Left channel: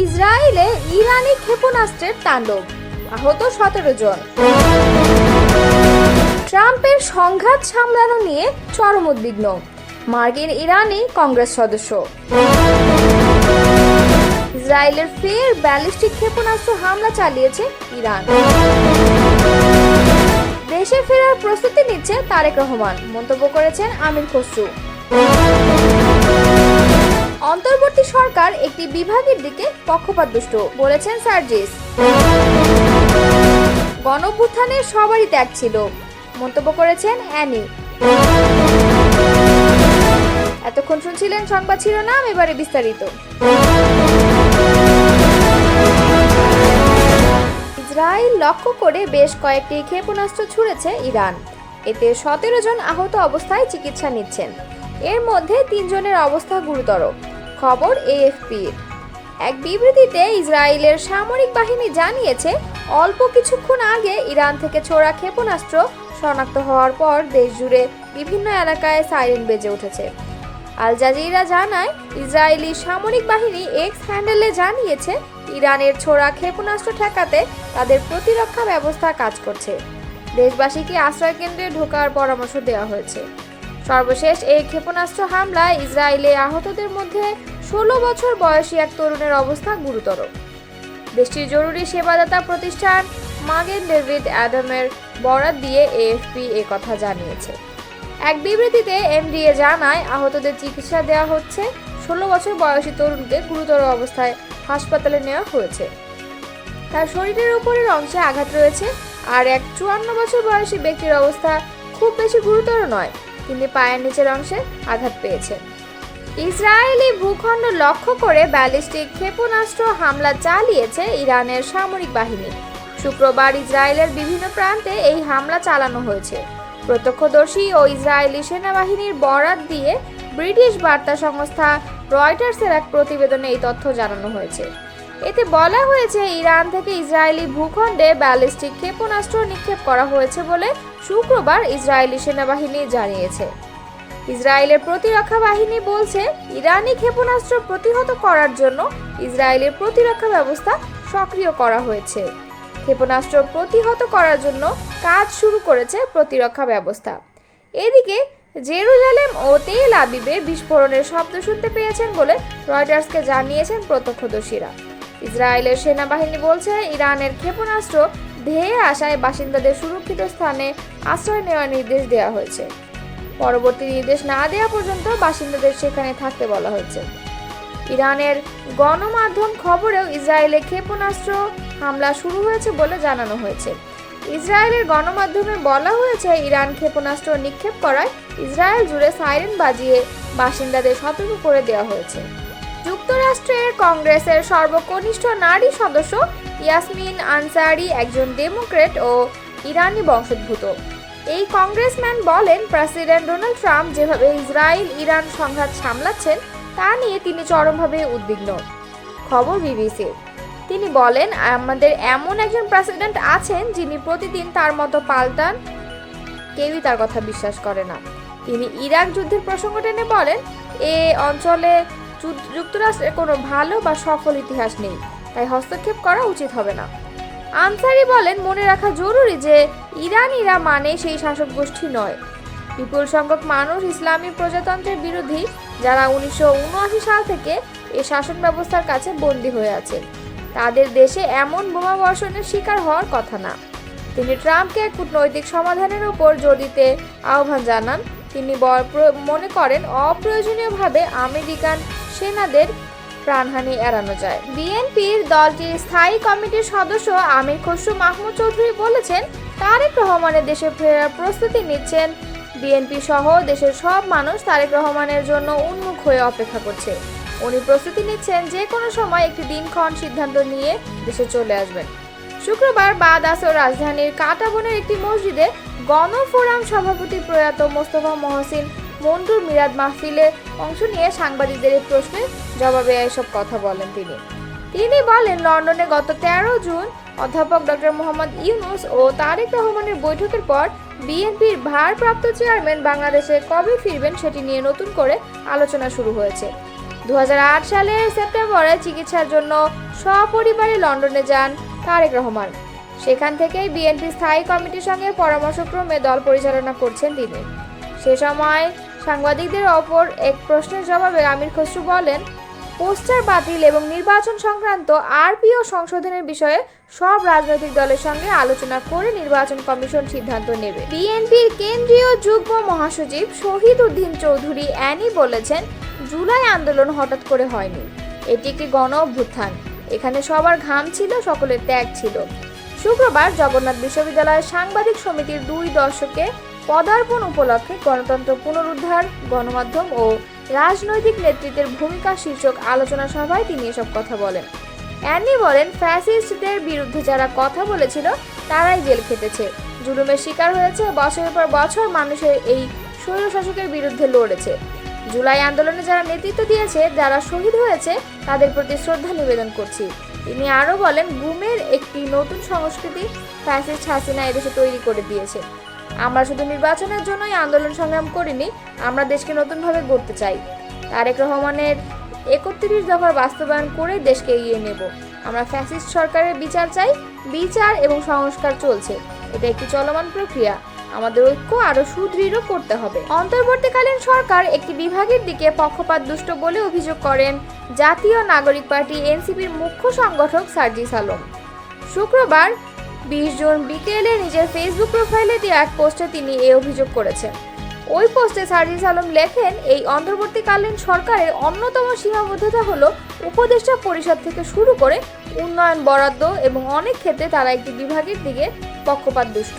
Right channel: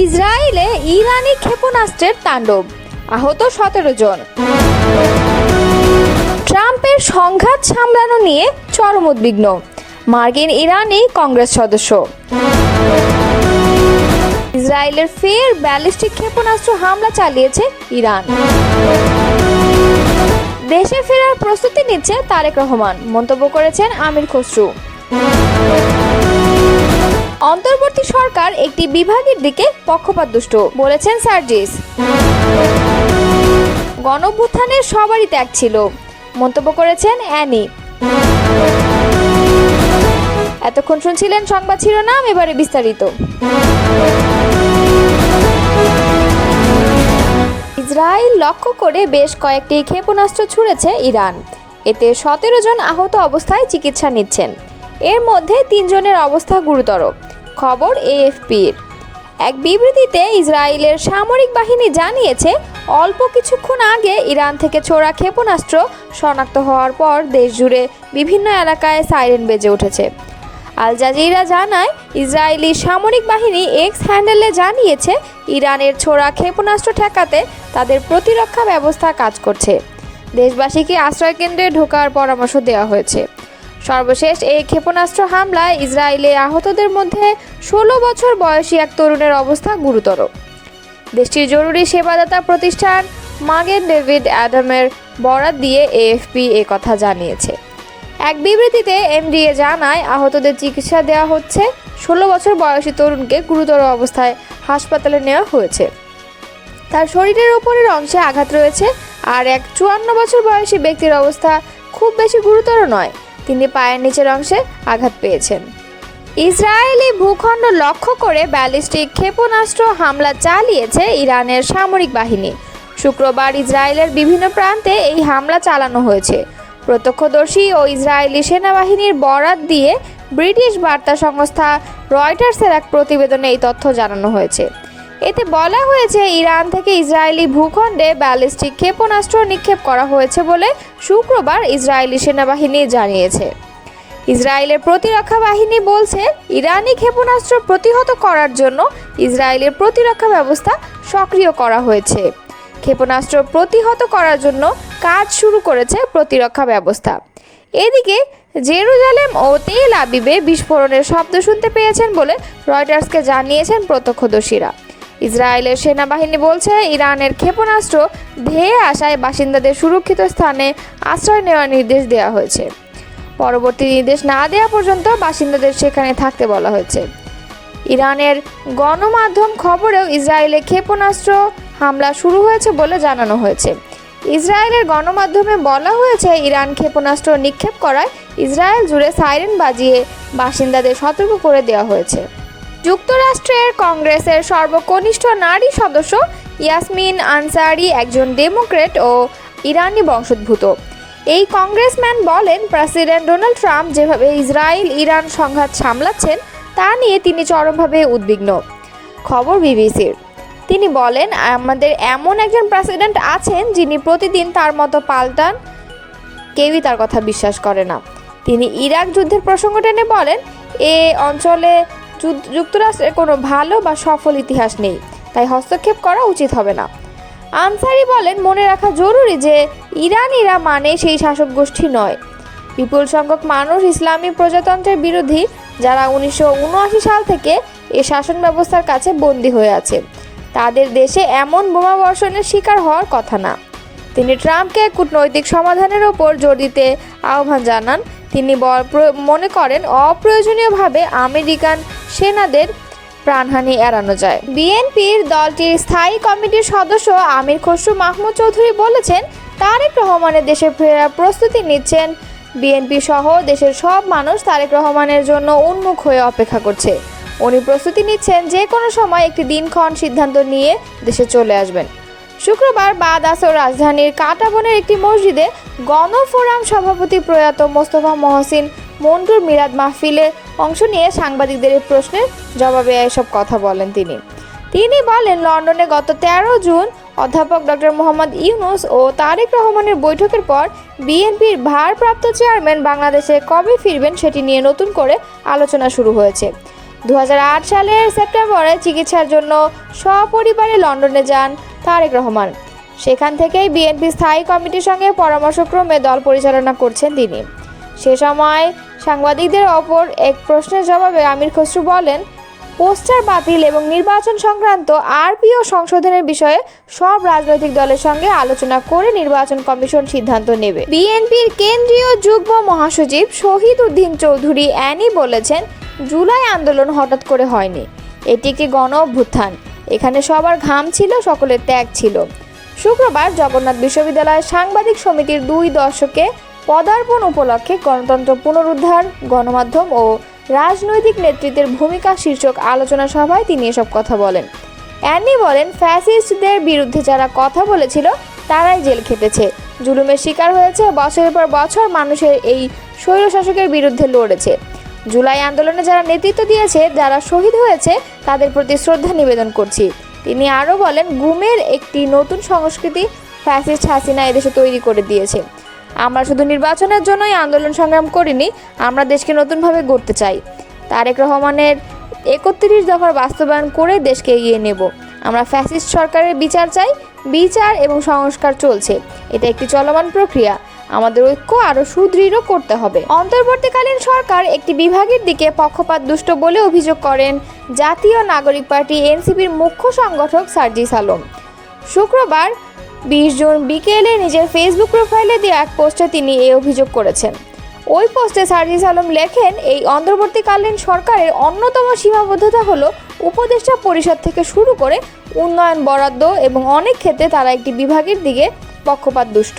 ইসরায়েলে ইরানি ক্ষেপণাস্ত্রের তাণ্ডব, আহত সতেরো জন। ট্রাম্পের সংঘাত সামলানো নিয়ে চরম উদ্বিগ্ন। মার্কিন ইরানি কংগ্রেস সদস্য। ইসরায়েলের ফের ব্যালিস্টিক ক্ষেপণাস্ত্র হামলা চালিয়েছে ইরান। দেশে ফেরার প্রস্তুতি নিচ্ছে তারেক রহমান, মন্তব্য করেছেন আমির খসরু। অন্তর্বর্তী সরকার একটি বিভাগের দিকে পক্ষপাতদুষ্ট বলেছেন সার্জিস। গণভ্যুত্থানে সবারই ত্যাগ ছিল, মন্তব্য করেছেন অ্যানি। এতক্ষণ শুনছিলেন সংবাদ শিরোনাম, এবারে বিস্তারিত। ইসরায়েল লক্ষ্য করে বেশ কয়েকটি ক্ষেপণাস্ত্র ছুড়েছে ইরান। এতে সতেরো জন আহত অবস্থায় চিকিৎসা নিচ্ছেন। এর মধ্যে তিনজনের অবস্থা গুরুতর। খবর এএফপির। এক বিবৃতিতে ইসরায়েলের সামরিক বাহিনী জানিয়েছে, অল্প কিছুক্ষণ আগে ইরান থেকে ছোড়া ক্ষেপণাস্ত্র শনাক্ত হওয়ার পর দেশ জুড়ে বিভিন্ন এলাকায় সাইরেন বেজে উঠেছে। আল জাজিরা জানায়, ইসরায়েলি সামরিক বাহিনী এক্স হ্যান্ডেলে জানিয়েছে, ইরানের ছোড়া ক্ষেপণাস্ত্র ঠেকাতে তাদের প্রতিরক্ষা ব্যবস্থা কাজ করছে। দেশবাসীকে আশ্রয়কেন্দ্রে ঢোকার পরামর্শ দেওয়া হয়েছে। সর্বশেষ এই ক্ষেপণাস্ত্র হামলায় ইসরায়েলে আহতদের মধ্যে ষোলো বছর বয়সী এক তরুণের অবস্থা গুরুতর। দেশটির জরুরি সেবাদাতা প্রতিষ্ঠান মাগের ডেভিড অ্যাডামের বরাত দিয়ে এএফপি এ কথা জানিয়েছে। এক বিবৃতিতে এমডিএ জানায়, আহতদের চিকিৎসা দেওয়া হচ্ছে। ষোলো বছর বয়সী তরুণকে গুরুতর অবস্থায় হাসপাতালে নেওয়া হয়েছে। তার শরীরের ওপরের অংশে আঘাত রয়েছে আর এক চুয়ান্ন বছর বয়সী ব্যক্তির অবস্থা খুব বেশি গুরুতর নয়। তিনি পায়ের নিচের অংশে আঘাত পেয়েছেন। ইসরায়েলি ভূখণ্ড লক্ষ্য করে ব্যালিস্টিক ক্ষেপণাস্ত্র হামলা চালিয়েছে ইরানের সামরিক বাহিনী। শুক্রবার ইসরায়েলের বিভিন্ন প্রান্তে এই হামলা চালানো হয়েছে। প্রত্যক্ষদর্শী ও ইসরায়েলি সেনাবাহিনীর বরাত দিয়ে ব্রিটিশ বার্তা সংস্থা রয়টার্সের এক প্রতিবেদনে এই তথ্য জানানো হয়েছে। এতে বলা হয়েছে, ইরান থেকে ইসরায়েলি ভূখণ্ডে ব্যালিস্টিক ক্ষেপণাস্ত্র নিক্ষেপ করা হয়েছে বলে শুক্রবার ইসরায়েলি সেনাবাহিনী জানিয়েছে। ইসরায়েলের প্রতিরক্ষা বাহিনী বলছে, ইরানি ক্ষেপণাস্ত্র প্রতিহত করার জন্য ইসরায়েলের প্রতিরক্ষা ব্যবস্থা সক্রিয় করা হয়েছে। ক্ষেপণাস্ত্র প্রতিহত করার জন্য কাজ শুরু করেছে প্রতিরক্ষা ব্যবস্থা। এদিকে, জেরুজালেম ও তেল আবিবে বিস্ফোরণের শব্দ শুনতে পেয়েছেন বলে রয়টার্সকে জানিয়েছেন প্রত্যক্ষদর্শীরা। ইসরায়েলের সেনাবাহিনী বলছে, ইরানের ক্ষেপণাস্ত্র ধেয়ে আসায় বাসিন্দাদের সুরক্ষিত স্থানে আশ্রয় নেওয়ার নির্দেশ দেওয়া হয়েছে। পরবর্তী নির্দেশ না দেওয়া পর্যন্ত বাসিন্দাদের সেখানে থাকতে বলা হয়েছে। ইরানের গণমাধ্যম খবরেও ইসরায়েলে ক্ষেপণাস্ত্র হামলা শুরু হয়েছে বলে জানানো হয়েছে। ইসরায়েলের গণমাধ্যমে বলা হয়েছে, ইরান ক্ষেপণাস্ত্র নিক্ষেপ করায় ইসরায়েল জুড়ে সাইরেন বাজিয়ে বাসিন্দাদের সতর্ক করে দেওয়া হয়েছে। যুক্তরাষ্ট্রের কংগ্রেসের সর্বকনিষ্ঠ নারী সদস্য ইয়াসমিন আনসারি একজন ডেমোক্রেট ও ইরানি বংশোদ্ভূত। এই কংগ্রেসম্যান বলেন, প্রেসিডেন্ট ডোনাল্ড ট্রাম্প যেভাবে ইসরায়েল ইরান সংঘাত সামলাচ্ছেন, তা নিয়ে তিনি চরমভাবে উদ্বিগ্ন। খবর বিবিসির। তিনি বলেন, আমাদের এমন একজন প্রেসিডেন্ট আছেন যিনি প্রতিদিন তার মতো পাল্টান, কেউই তার কথা বিশ্বাস করে না। তিনি ইরাক যুদ্ধের প্রসঙ্গ টেনে বলেন, এ অঞ্চলে যুক্তরাষ্ট্রের কোনো ভালো বা সফল ইতিহাস নেই, তাই হস্তক্ষেপ করা উচিত হবে না। আনসারি বলেন, মনে রাখা জরুরি যে ইরানিরা মানে সেই শাসক গোষ্ঠী নয়। বিপুল সংখ্যক মানুষ ইসলামী প্রজাতন্ত্রের বিরোধী, যারা উনিশশো উনআশি সাল থেকে এ শাসন ব্যবস্থার কাছে বন্দী হয়ে আছে। তাদের দেশে এমন বোমা বর্ষণের শিকার হওয়ার কথা না। তিনি ট্রাম্পকে কূটনৈতিক সমাধানের ওপর জোর দিতে আহ্বান জানান তিনি মনে করেন অপ্রয়োজনীয়ভাবে আমেরিকান সেনাদের প্রাণহানি এড়ানো যায়। বিএনপির দলটির স্থায়ী কমিটির সদস্য আমির খসরু মাহমুদ চৌধুরী বলেছেন, তারেক রহমানের দেশে ফেরার প্রস্তুতি নিচ্ছেন বিএনপি সহ দেশের সব মানুষ তারেক রহমানের জন্য উন্মুখ হয়ে অপেক্ষা করছে। উনি প্রস্তুতি নিচ্ছেন যে কোনো সময় একটি দিনক্ষণ সিদ্ধান্ত নিয়ে দেশে চলে আসবেন। শুক্রবার বাদ আসর রাজধানীর কাটাবনের একটি মসজিদে গণফোরাম সভাপতি প্রয়াত মোস্তফা মহসিন মন্টুর মিরাদ মাহফিলে অংশ নিয়ে সাংবাদিকদের প্রশ্নের জবাবে এসব কথা বলেন তিনি। তিনি বলেন, লন্ডনে গত তেরো জুন অধ্যাপক ডক্টর মোহাম্মদ ইউনুস ও তারেক রহমানের বৈঠকের পর বিএনপির ভারপ্রাপ্ত চেয়ারম্যান বাংলাদেশে কবে ফিরবেন সেটি নিয়ে নতুন করে আলোচনা শুরু হয়েছে। দু হাজার আট সালের সেপ্টেম্বরে চিকিৎসার জন্য সপরিবারে লন্ডনে যান তারেক রহমান। সেখান থেকেই বিএনপি স্থায়ী কমিটির সঙ্গে পরামর্শক্রমে দল পরিচালনা করছেন তিনি। সে সময় সাংবাদিকদের অপর এক প্রশ্নের জবাবে আমির খসরু বলেন পোস্টার বাতিল এবং নির্বাচন সংক্রান্ত আরপিও সংশোধনের বিষয়ে সব রাজনৈতিক দলের সঙ্গে আলোচনা করে নির্বাচন কমিশন সিদ্ধান্ত নেবে। বিএনপির কেন্দ্রীয় যুগ্ম মহাসচিব শহীদ উদ্দিন চৌধুরী অ্যানি বলেছেন, জুলাই আন্দোলন হঠাৎ করে হয়নি। এটি একটি গণ অভ্যুত্থান। এখানে সবার ঘাম ছিল, সকলের ত্যাগ ছিল। শুক্রবার জগন্নাথ বিশ্ববিদ্যালয়ের সাংবাদিক সমিতির দুই দশকে পদার্পণ উপলক্ষে গণতন্ত্র পুনরুদ্ধার, গণমাধ্যম ও রাজনৈতিক নেতৃত্বের ভূমিকা শীর্ষক আলোচনা সভায় তিনি এসব কথা বলেন। অ্যানি বলেন, ফ্যাসিস্টদের বিরুদ্ধে যারা কথা বলেছিল, তারাই জেল খেটেছে। জুলুমের শিকার হয়েছে, বছরের পর বছর মানুষের এই স্বৈরশাসকের বিরুদ্ধে লড়েছে। জুলাই আন্দোলনে যারা নেতৃত্ব দিয়েছে, যারা শহীদ হয়েছে, তাদের প্রতি শ্রদ্ধা নিবেদন করছি। তিনি আরও বলেন, গুমের একটি নতুন সংস্কৃতি ফ্যাসিস্ট হাসিনা এদেশে তৈরি করে দিয়েছে। আমরা শুধু নির্বাচনের জন্যই আন্দোলন সংগ্রাম করিনি, আমরা দেশকে নতুনভাবে গড়তে চাই। তারেক রহমানের একত্রিশ দফার বাস্তবায়ন করে দেশকে এগিয়ে নেব। আমরা ফ্যাসিস্ট সরকারের বিচার চাই, বিচার এবং সংস্কার চলছে। এটা একটি চলমান প্রক্রিয়া। আমাদের ঐক্য আরও সুদৃঢ় করতে হবে। অন্তর্বর্তীকালীন সরকার একটি বিভাগের দিকে পক্ষপাত দুষ্ট বলে অভিযোগ করেন জাতীয় নাগরিক পার্টি এনসিপির মুখ্য সংগঠক সার্জিস আলম। শুক্রবার বিশ জুন বিকেলে নিজের ফেসবুক প্রোফাইলে দিয়ে এক পোস্টে তিনি এই অভিযোগ করেছেন। ওই পোস্টে সার্জিস আলম লেখেন, এই অন্তর্বর্তীকালীন সরকারের অন্যতম সীমাবদ্ধতা হলো উপদেষ্টা পরিষদ থেকে শুরু করে উন্নয়ন বরাদ্দ এবং অনেক ক্ষেত্রে তারা একটি বিভাগের দিকে পক্ষপাত দুষ্ট